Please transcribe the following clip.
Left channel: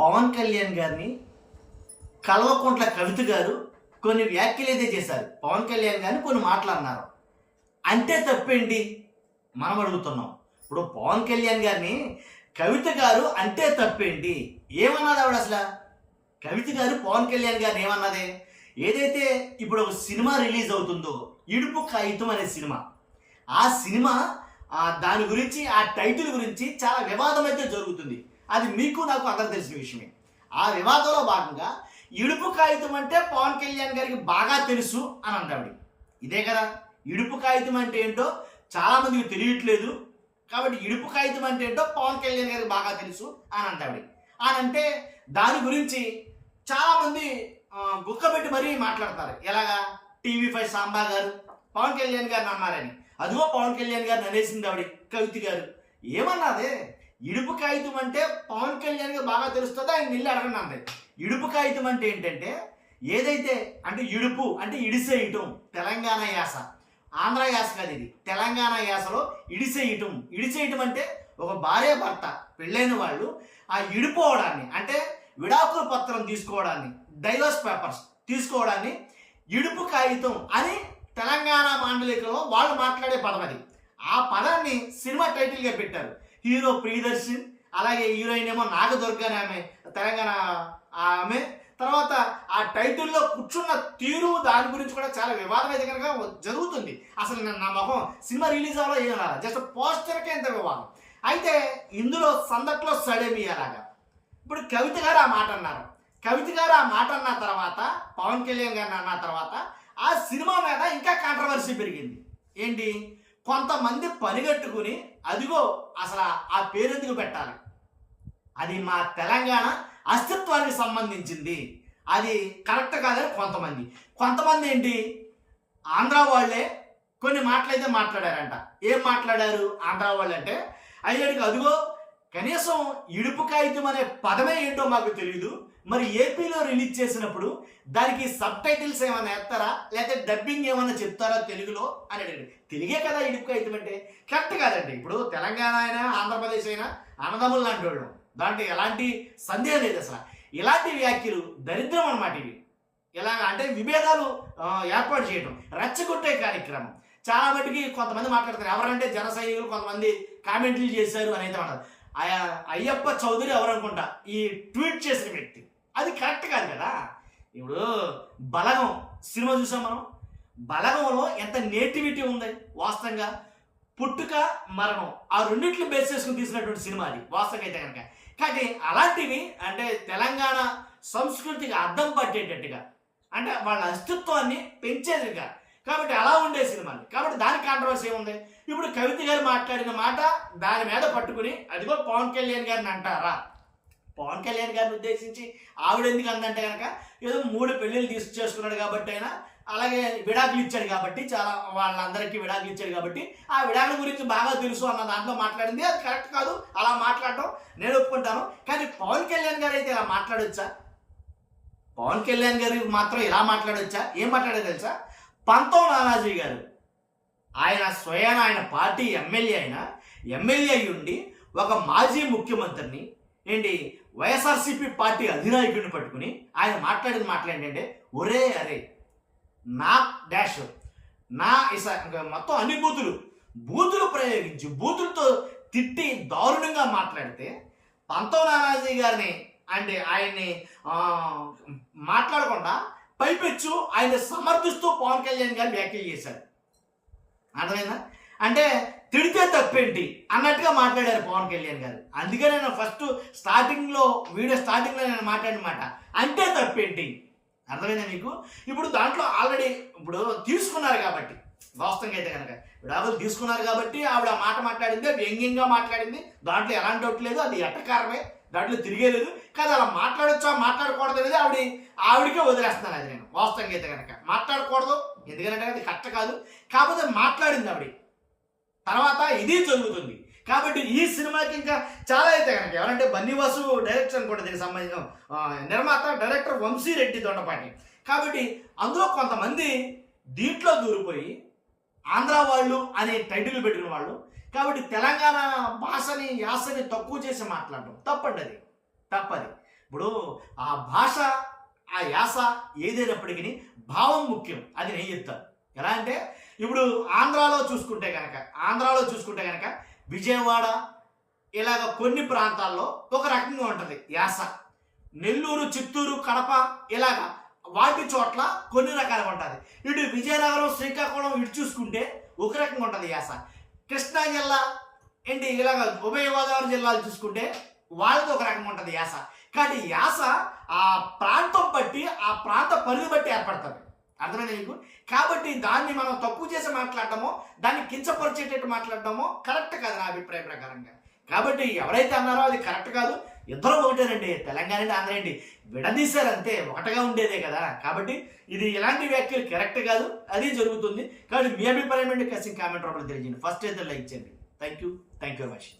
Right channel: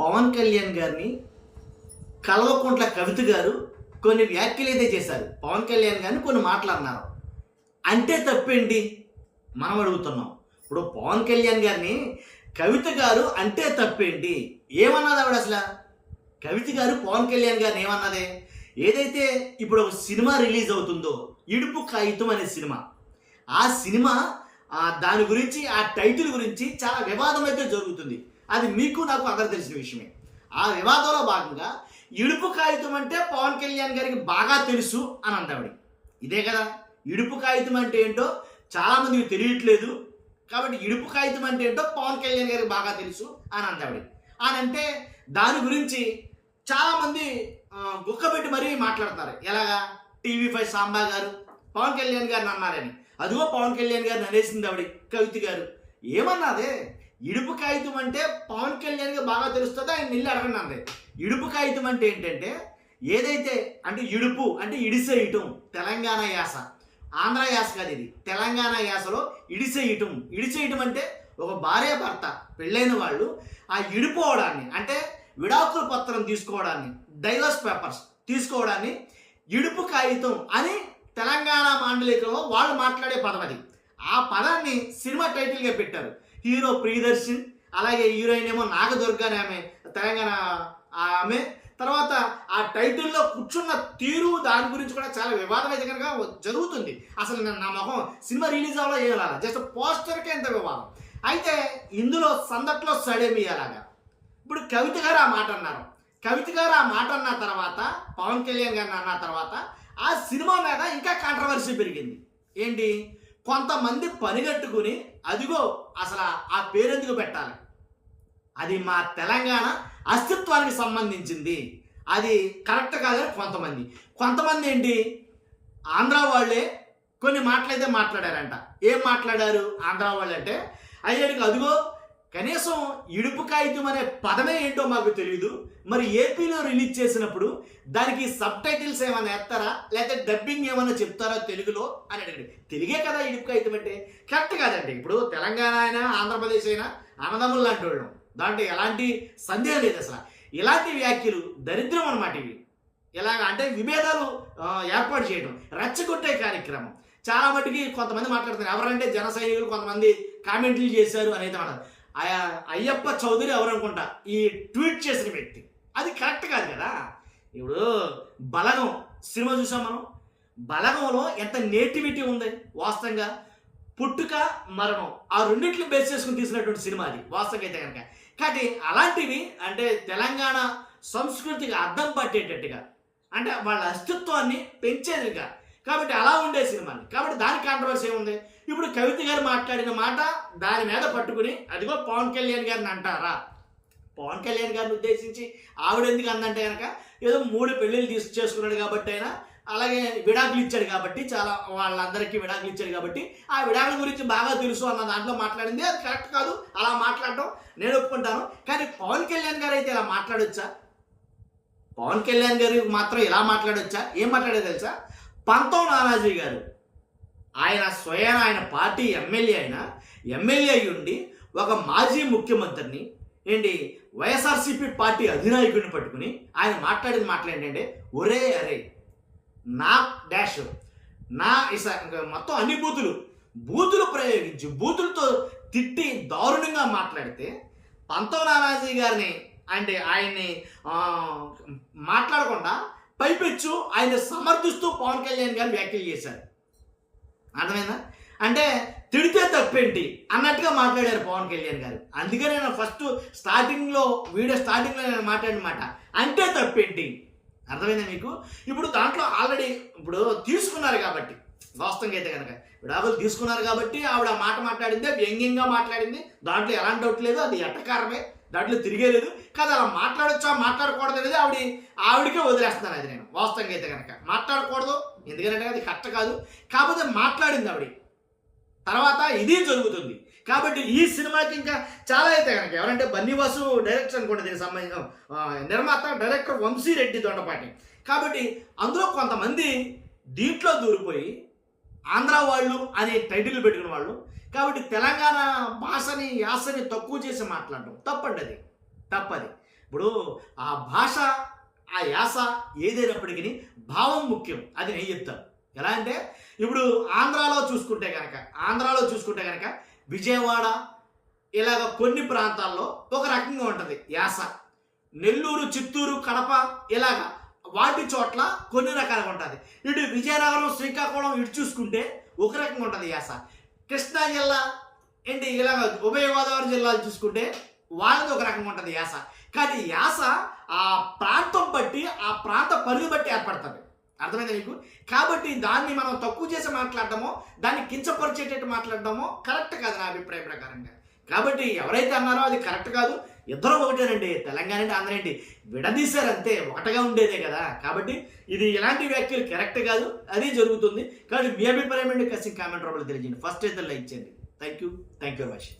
పవన్ కళ్యాణ్ గారిని కల్వకుంట్ల కవిత గారు కొన్ని వ్యాఖ్యలు అయితే చేశారు. పవన్ కళ్యాణ్ గారిని కొన్ని మాటలు అన్నారు. అంటే తప్పేంటి మనం అడుగుతున్నాం. ఇప్పుడు పవన్ కళ్యాణ్ గారిని కవిత గారు అంటే తప్పేంటి? ఏమన్నది ఆవిడ అసలు? కవిత గారు పవన్ కళ్యాణ్ గారిని ఏమన్నదే? ఏదైతే ఇప్పుడు ఒక సినిమా రిలీజ్ అవుతుందో, ఇడుపు కాగితం అనే సినిమా, ఆ సినిమా దాని గురించి, ఆ టైటిల్ గురించి చాలా వివాదం అయితే జరుగుతుంది. అది మీకు నాకు అందరూ తెలిసిన విషయమే. ఆ వివాదంలో భాగంగా ఇడుపు కాగితం అంటే పవన్ కళ్యాణ్ గారికి బాగా తెలుసు అని అందావిడి. ఇదే కదా, ఇడుపు కాగితం అంటే ఏంటో చాలామందికి తెలియట్లేదు. కాబట్టి ఇడుపు కాగితం అంటే ఏంటో పవన్ కళ్యాణ్ గారికి బాగా తెలుసు అని అందావిడి. అని అంటే దాని గురించి చాలామంది గుక్కబెట్టి మరీ మాట్లాడతారు. ఎలాగా? TV5 సాంబా గారు పవన్ కళ్యాణ్ గారిని అన్నారని. అదిగో పవన్ కళ్యాణ్ గారిని అనేసింది ఆవిడ కవిత గారు. ఏమన్నదే? ఇడుపు కాగితం అంటే పవన్ కళ్యాణ్కి బాగా తెలుస్తుందో ఆయన నిల్లు అడగండి అంది. ఇడుపు కాగితం అంటే ఏంటంటే, ఏదైతే అంటే ఇడుపు అంటే ఇడిసేయటం, తెలంగాణ యాస, ఆంధ్ర యాస కాదు ఇది, తెలంగాణ యాసలో ఇడిసేయటం. ఇడిసేయటం అంటే ఒక భార్య భర్త పెళ్ళైన వాళ్ళు ఆ ఇడిపోవడాన్ని, అంటే విడాకుల పత్రం తీసుకోవడాన్ని, డైవర్స్ పేపర్స్ తీసుకోవడాన్ని ఇడుపు కాగితం అని తెలంగాణ మాండలికలో వాళ్ళు మాట్లాడే పదం అది. ఆ పదాన్ని సినిమా టైటిల్గా పెట్టారు. హీరో ప్రియదర్శన్, అలాగే హీరోయిన్ ఏమో నాగదుర్గ అని ఆమె, తెలంగాణ ఆమె. తర్వాత ఆ టైటిల్లో కూర్చున్న తీరు, దాని గురించి కూడా చాలా వివాదం అయితే కనుక జరుగుతుంది. అసలు నా మొహం సినిమా రిలీజ్ అవ్వాలో ఏం రాలా, జస్ట్ పోస్టర్కే ఎంత వివాదం. అయితే ఇందులో సందట్లో సడేమి అలాగా. ఇప్పుడు కవిత గారు ఆ మాట అన్నారు. కవిత గారు ఆ మాట అన్న తర్వాత, పవన్ కళ్యాణ్ గారిని అన్న తర్వాత ఆ సినిమా మీద ఇంకా కాంట్రవర్సీ పెరిగింది. ఏంటి? కొంతమంది పనిగట్టుకుని, అదిగో అసలు ఆ పేరు ఎందుకు పెట్టాలి, అది మా తెలంగాణ అస్తిత్వానికి సంబంధించింది, అది కరెక్ట్ కాదని కొంతమంది ఏంటి, ఆంధ్ర వాళ్ళే కొన్ని మాటలైతే మాట్లాడారంట. ఏం మాట్లాడారు ఆంధ్ర వాళ్ళు అంటే, అయ్యాడికి అదిగో కనీసం ఇడుపు కాగితం అనే పదమే ఏంటో మాకు తెలియదు, మరి ఏపీలో రిలీజ్ చేసినప్పుడు దానికి సబ్ టైటిల్స్ ఏమైనా వేస్తారా, లేకపోతే డబ్బింగ్ ఏమైనా చెప్తారా తెలుగులో అని అడిగాడు. తెలుగే కదా ఇడుపు కాగితం అంటే. కరెక్ట్ కాదండి. ఇప్పుడు తెలంగాణ అయినా ఆంధ్రప్రదేశ్ అయినా అన్నదమ్ములు లాంటి వాళ్ళు, దాంట్లో ఎలాంటి సందేహం లేదు. అసలు ఇలాంటి వ్యాఖ్యలు దరిద్రం అన్నమాట ఇవి. ఎలాగ అంటే విభేదాలు ఏర్పాటు చేయడం, రెచ్చగొట్టే కార్యక్రమం. చాలా మటుకి కొంతమంది మాట్లాడుతున్నారు. ఎవరంటే జన సైనికులు కొంతమంది కామెంట్లు చేశారు అని అయితే మాట్లాడారు. అయ్యప్ప చౌదరి ఎవరు అనుకుంటా ఈ ట్వీట్ చేసిన వ్యక్తి. అది కరెక్ట్ కాదు కదా. ఇప్పుడు బలగం సినిమా చూసాం మనం. బలగంలో ఎంత నేటివిటీ ఉంది వాస్తవంగా. పుట్టుక మరణం ఆ రెండిట్లు బేస్ చేసుకుని తీసినటువంటి సినిమా అది వాస్తవంగా అయితే కనుక. కాబట్టి అలాంటివి అంటే తెలంగాణ సంస్కృతికి అద్దం పట్టేటట్టుగా, అంటే వాళ్ళ అస్తిత్వాన్ని పెంచేదిగా, కాబట్టి అలా ఉండే సినిమాని. కాబట్టి దానికి కాంట్రవర్సీ ఏముంది? ఇప్పుడు కవిత గారు మాట్లాడిన మాట దాని మీద పట్టుకుని, అదిగో పవన్ కళ్యాణ్ గారిని అంటారా? పవన్ కళ్యాణ్ గారిని ఉద్దేశించి ఆవిడ ఎందుకు అందంటే కనుక, ఏదో 3 పెళ్ళిళ్ళు చేసుకున్నాడు కాబట్టి అయినా, అలాగే విడాకులు ఇచ్చాడు కాబట్టి, చాలా వాళ్ళందరికీ విడాకులు ఇచ్చాడు కాబట్టి ఆ విడాకుల గురించి బాగా తెలుసు అన్న దాంట్లో మాట్లాడింది. అది కరెక్ట్ కాదు, అలా మాట్లాడటం నేను ఒప్పుకుంటాను. కానీ పవన్ కళ్యాణ్ గారు అయితే ఇలా మాట్లాడొచ్చా? పవన్ కళ్యాణ్ గారు మాత్రం ఇలా మాట్లాడొచ్చా? ఏం మాట్లాడో తెలుసా? పంతం నానాజీ గారు, ఆయన స్వయాన ఆయన పార్టీ ఎమ్మెల్యే అయి ఉండి ఒక మాజీ ముఖ్యమంత్రిని, ఏంటి వైఎస్ఆర్సీపీ పార్టీ అధినాయకుడిని పట్టుకుని ఆయన మాట్లాడేంటంటే, ఒరే అరే నా డాష్ నా మొత్తం అన్ని బూతులు ప్రయోగించి బూతులతో తిట్టి దారుణంగా మాట్లాడితే, పంతం నానాజీ గారిని అంటే ఆయన్ని మాట్లాడకుండా పైపెచ్చు ఆయన సమర్థిస్తూ పవన్ కళ్యాణ్ గారిని వ్యాఖ్యలు చేశారు. అర్థమైందా? అంటే తిడితే తప్పేంటి అన్నట్టుగా మాట్లాడారు పవన్ కళ్యాణ్ గారు. అందుకే నేను వీడియో స్టార్టింగ్లో నేను మాట్లాడిన మాట అంటే తప్పేంటి. అర్థమైందా మీకు? ఇప్పుడు దాంట్లో ఆల్రెడీ ఇప్పుడు తీసుకున్నారు కాబట్టి, వాస్తవంగా అయితే కనుక విడాకులు తీసుకున్నారు కాబట్టి ఆవిడ మాట మాట్లాడింది, వ్యంగ్యంగా మాట్లాడింది, దాంట్లో ఎలాంటి డౌట్ లేదు. అది ఎట్టకారమే, దాంట్లో తిరిగేలేదు. కానీ అలా మాట్లాడొచ్చా మాట్లాడకూడదు అనేది ఆవిడకే వదిలేస్తున్నాను. అది నేను వాస్తవంగా అయితే కనుక మాట్లాడకూడదు, ఎందుకంటే అది కరెక్ట్ కాదు. కాకపోతే మాట్లాడింది ఆవిడ. తర్వాత ఇది జరుగుతుంది. కాబట్టి ఈ సినిమాకి ఇంకా చాలా అయితే కనుక, ఎవరంటే బన్నీవాసు డైరెక్టర్ అనుకోండి, దీనికి సంబంధించిన నిర్మాత డైరెక్టర్ వంశీరెడ్డి దొండపాటి. కాబట్టి అందులో కొంతమంది దీంట్లో దూరిపోయి ఆంధ్ర వాళ్ళు అనే టైటిల్ పెట్టుకున్న వాళ్ళు, కాబట్టి తెలంగాణ భాషని యాసని తక్కువ చేసి మాట్లాడడం తప్పండి. అది తప్పది. ఇప్పుడు ఆ భాష, ఆ యాస ఏదైనప్పటికీ భావం ముఖ్యం. అది నేను చెప్తాను. ఎలా అంటే ఇప్పుడు ఆంధ్రాలో చూసుకుంటే కనుక విజయవాడ ఇలాగ కొన్ని ప్రాంతాల్లో ఒక రకంగా ఉంటుంది యాస. నెల్లూరు, చిత్తూరు, కడప ఇలాగా వాటి చోట్ల కొన్ని రకాలుగా ఉంటుంది. ఇటు విజయనగరం, శ్రీకాకుళం ఇటు చూసుకుంటే ఒక రకంగా ఉంటుంది యాస. కృష్ణా జిల్లా ఏంటి ఇలాగ ఉభయ గోదావరి జిల్లాలు చూసుకుంటే వాళ్ళది ఒక రకంగా ఉంటుంది యాస. కానీ యాస ఆ ప్రాంతం బట్టి, ఆ ప్రాంత పరిధి బట్టి ఏర్పడుతుంది. అర్థమైందా మీకు? కాబట్టి దాన్ని మనం తక్కువ చేసి మాట్లాడటమో, దాన్ని కించపరిచేటట్టు మాట్లాడటమో కరెక్ట్ కాదు నా అభిప్రాయం ప్రకారంగా. కాబట్టి ఎవరైతే అన్నారో అది కరెక్ట్ కాదు. ఇద్దరు ఒకటేనండి, తెలంగాణ అంటే ఆంధ్ర ఏంటి విడదీశారంతే, ఒకటిగా ఉండేదే కదా. కాబట్టి ఇది ఇలాంటి వ్యాఖ్యలు కరెక్ట్ కాదు, అది జరుగుతుంది. కాబట్టి మీ అభిప్రాయం ఏంటి కామెంట్ రూపంలో తెలియజేయండి. ఫస్ట్ అయితే లైక్ చేయండి. Thank you for watching.